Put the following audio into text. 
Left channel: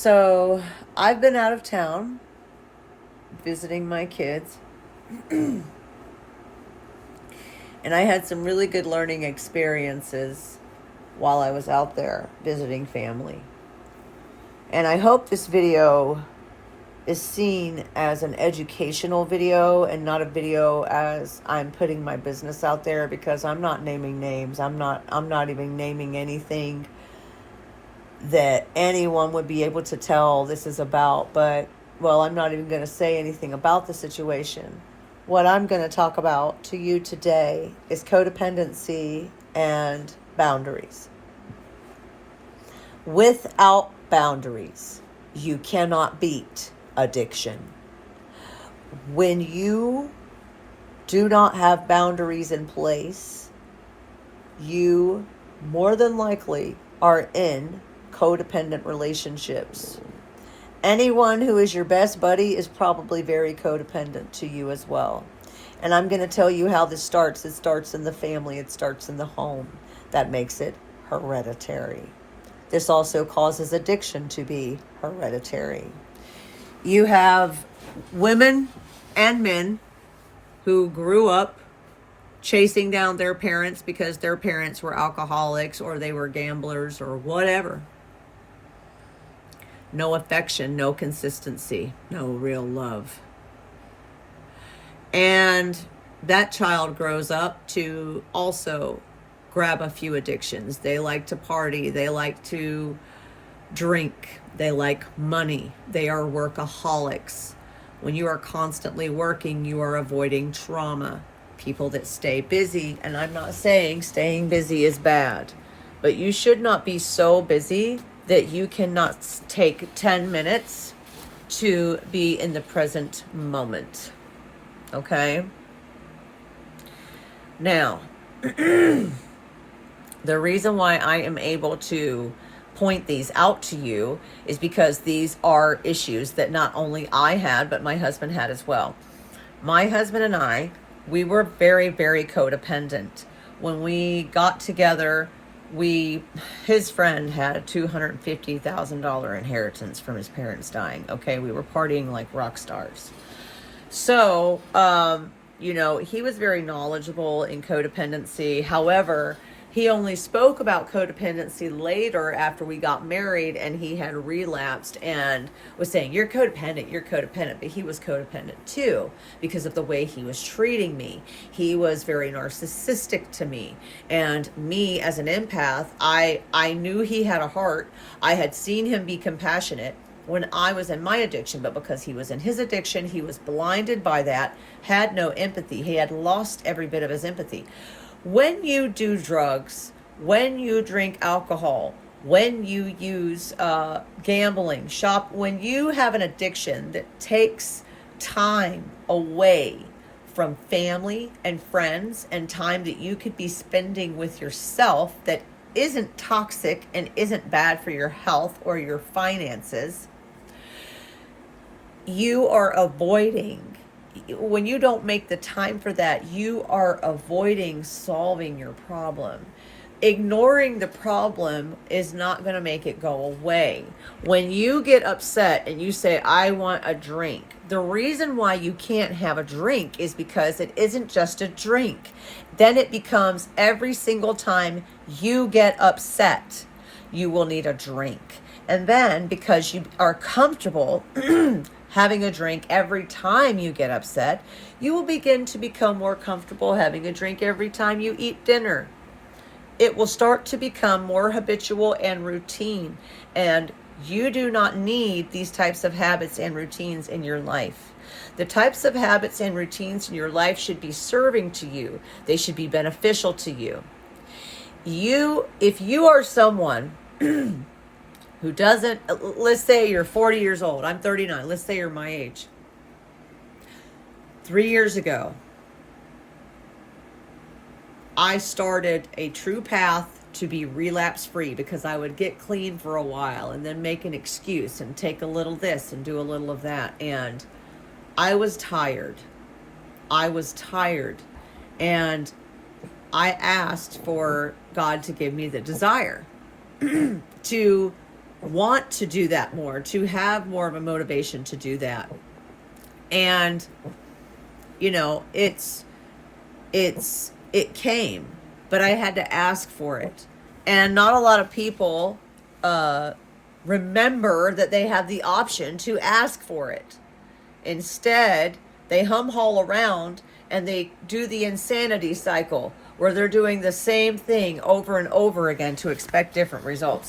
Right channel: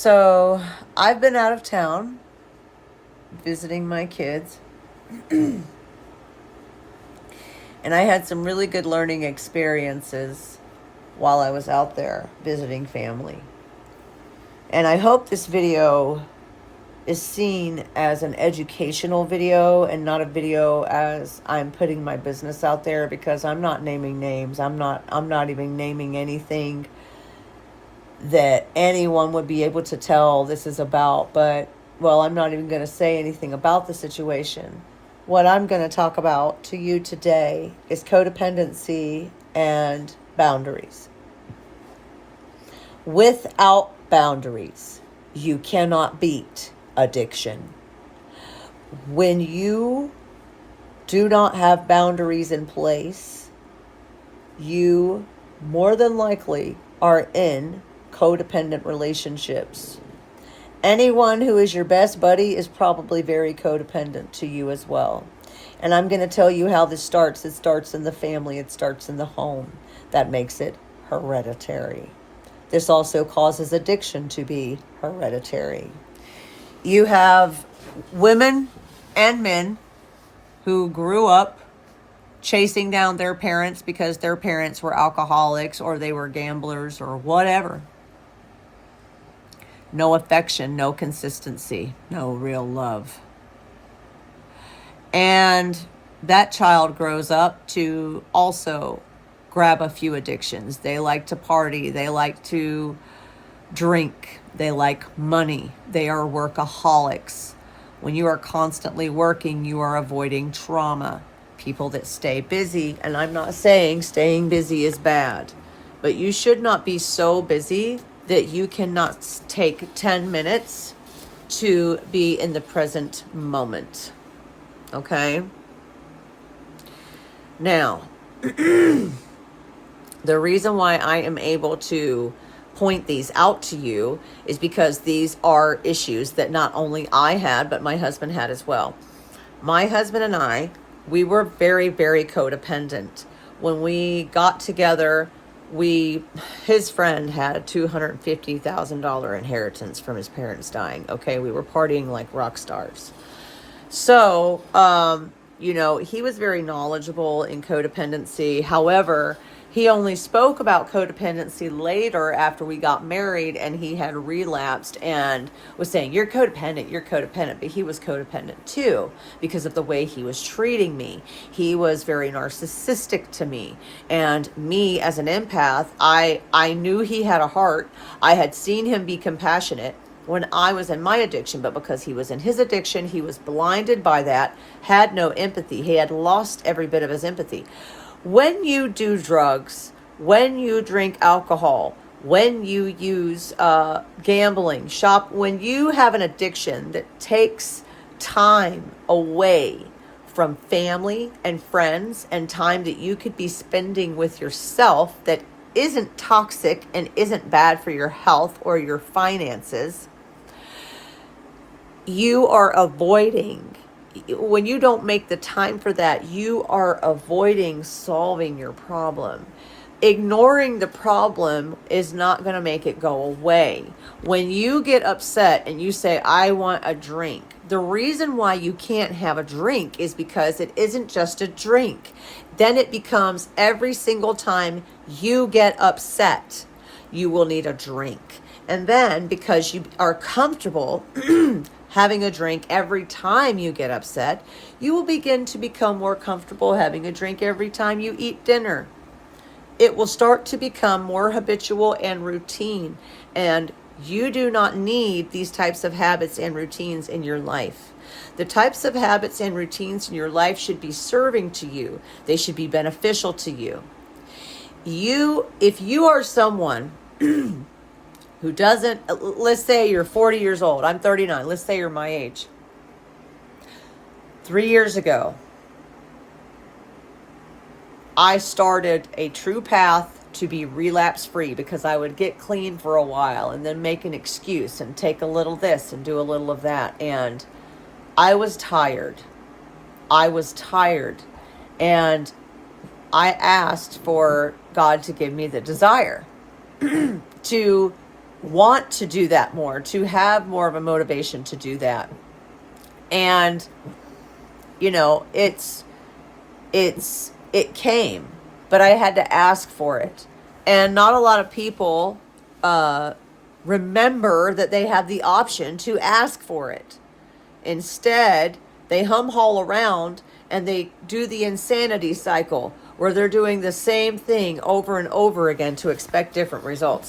So I've been out of town visiting my kids, and I had some really good learning experiences while I was out there visiting family. And I hope this video is seen as an educational video and not a video as I'm putting my business out there, because I'm not naming names. I'm not even naming anything that anyone would be able to tell this is about. But, well, I'm not even going to say anything about the situation. What I'm going to talk about to you today is codependency and boundaries. Without boundaries, you cannot beat addiction. When you do not have boundaries in place, you more than likely are in codependent relationships. Anyone who is your best buddy is probably very codependent to you as well. And I'm going to tell you how this starts. It starts in the family. It starts in the home. That makes it hereditary. This also causes addiction to be hereditary. You have women and men who grew up chasing down their parents because their parents were alcoholics or they were gamblers or whatever. No affection, no consistency, no real love. And that child grows up to also grab a few addictions. They like to party. They like to drink. They like money. They are workaholics. When you are constantly working, you are avoiding trauma. People that stay busy, and I'm not saying staying busy is bad, but you should not be so busy that you cannot take 10 minutes to be in the present moment. Okay? Now, the reason why I am able to point these out to you is because these are issues that not only I had, but my husband had as well. My husband and I, we were very, very codependent. When we got together, his friend had a $250,000 inheritance from his parents dying. Okay, we were partying like rock stars. So, he was very knowledgeable in codependency. However, he only spoke about codependency later after we got married, and he had relapsed and was saying, you're codependent. But he was codependent too because of the way he was treating me. He was very narcissistic to me. And me as an empath, I knew he had a heart. I had seen him be compassionate when I was in my addiction, but because he was in his addiction, he was blinded by that, had no empathy. He had lost every bit of his empathy. When you do drugs, when you drink alcohol, when you use gambling, when you have an addiction that takes time away from family and friends and time that you could be spending with yourself that isn't toxic and isn't bad for your health or your finances, you are avoiding. When you don't make the time for that, you are avoiding solving your problem. Ignoring the problem is not going to make it go away. When you get upset and you say, I want a drink, the reason why you can't have a drink is because it isn't just a drink. Then it becomes every single time you get upset, you will need a drink. And then because you are comfortable having a drink every time you get upset, you will begin to become more comfortable having a drink every time you eat dinner. It will start to become more habitual and routine. And you do not need these types of habits and routines in your life. The types of habits and routines in your life should be serving to you. They should be beneficial to you. If you are someone who doesn't, let's say you're 40 years old, I'm 39, let's say you're my age. 3 years ago, I started a true path to be relapse free because I would get clean for a while and then make an excuse and take a little this and do a little of that. And I was tired. And I asked for God to give me the desire to want to do that more, to have more of a motivation to do that. And, you know, it came, but I had to ask for it. And not a lot of people remember that they have the option to ask for it. Instead, they haul around and they do the insanity cycle where they're doing the same thing over and over again to expect different results.